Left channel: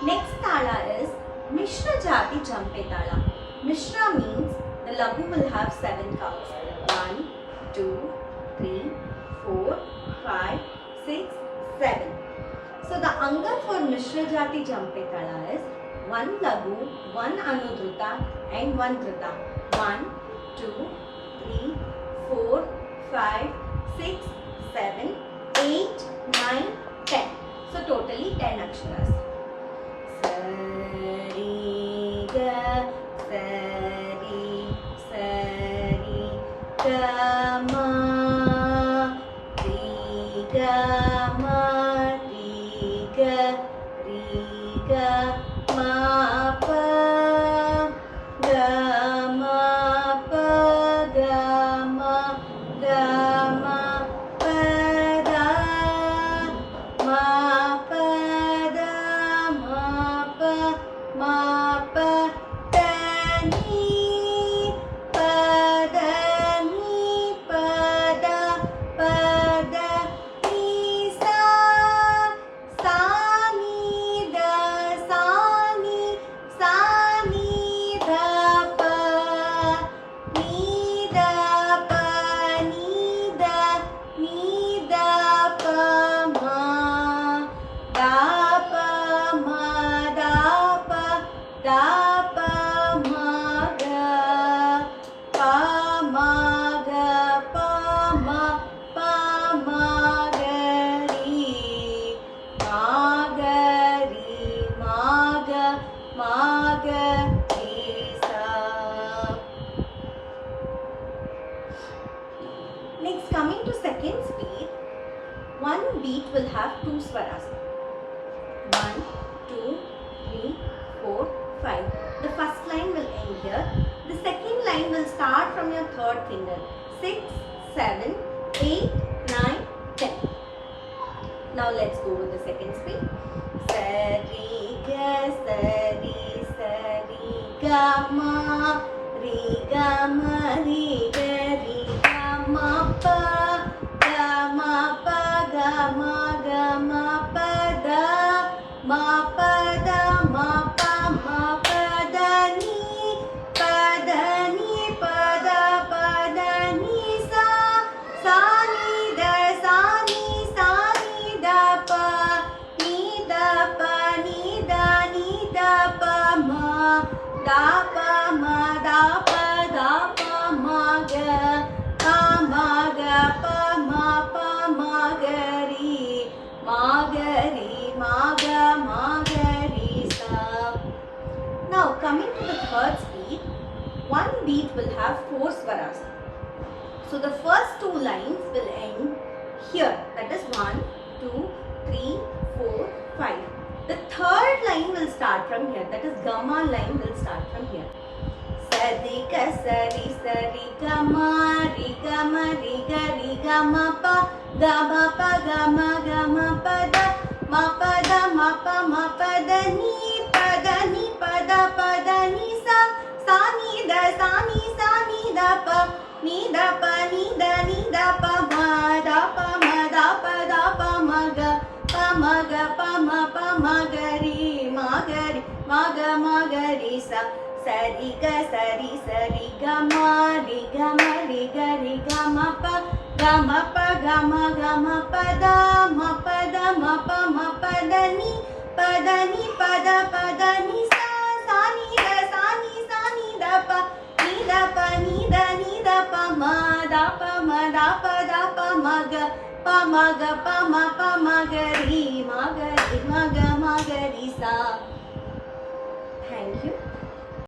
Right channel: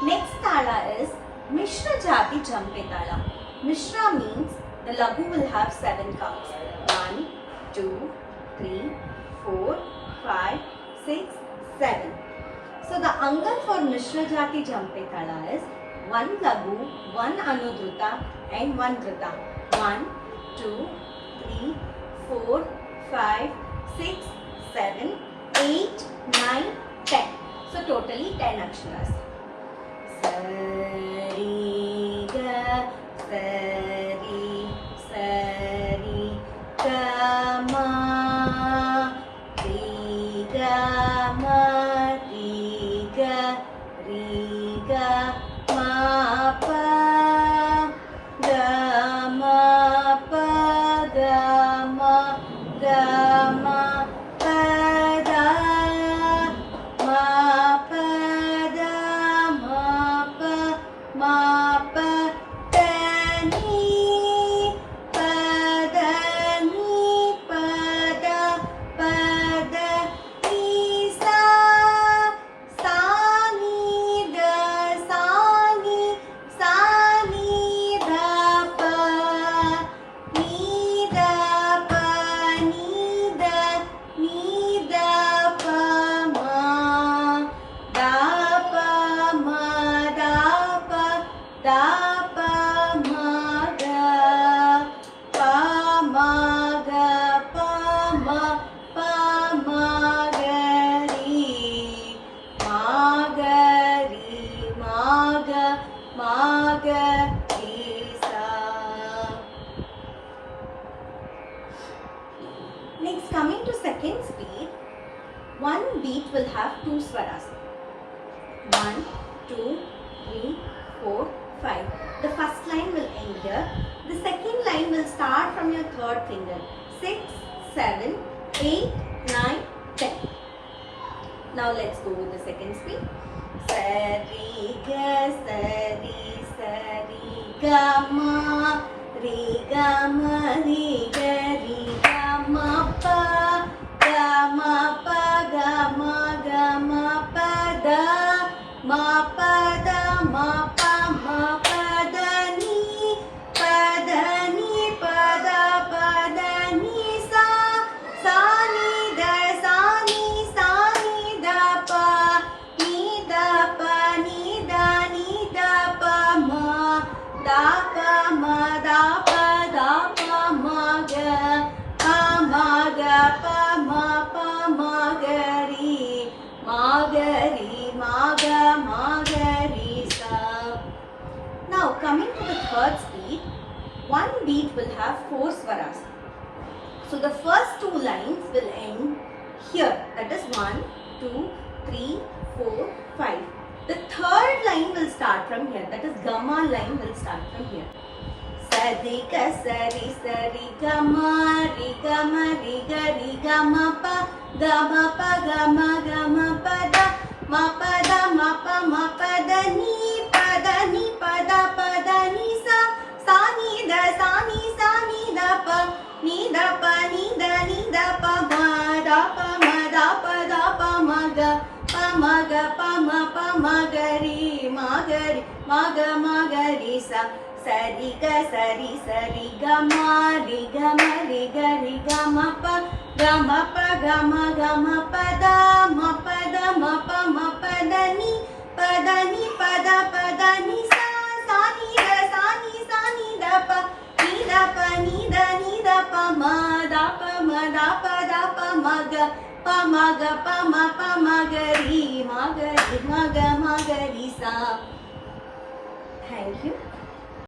Next tala is Mishra Jati Jampe Tala. Mishra means the lagu will have 7 counts. 1, 2, 3, 4, 5, 6, 7. So the angal for Mishra Jati Jampe Tala is 1 lagu, 1 anudruta and 1 drita. 1, 2, 3, 4, 5, 6, 7, 8, 9, 10. So totally 10 aksharas. Sari ga sari ga ma ri ga ma pa ga ma pa da ma pa da ma pa da ni pa da ni sa ni da pa ni da pa ma da pa ma ga pa ma ga ri ma ga ri sa. Next, coming to second speed, one beat will have 2 swaras. 1, 2, 3, 4, 5. The first line will end here. The second line will start from your third finger. 6, 7, 8, 9, 10. Now let's go with the second speed. Sari ga ma ri ga ma pa pa da ma pa ma pa da ni pa da ni sa ni da pa ni da pa ma da pa ma ga pa ma ga ri ma ga ri sa. Now coming to the third speed, one beat will have 4 swaras. So the first 2 lines will end here, that is 1, 2, 3, 4, 5. The third line will start from here, that is Gama line will start from here. Sari ga ma ri ga ma pa ga ma pa da ma pa da ni pa da ni sa ni da pa ni da pa ma da pa ma ga ri ma ga ri sa. Sari ga ma ri ga ma pa da ma pa da ni sa ni da pa ni da pa ma da pa ma ga ri ma ga ri sa. Thank you.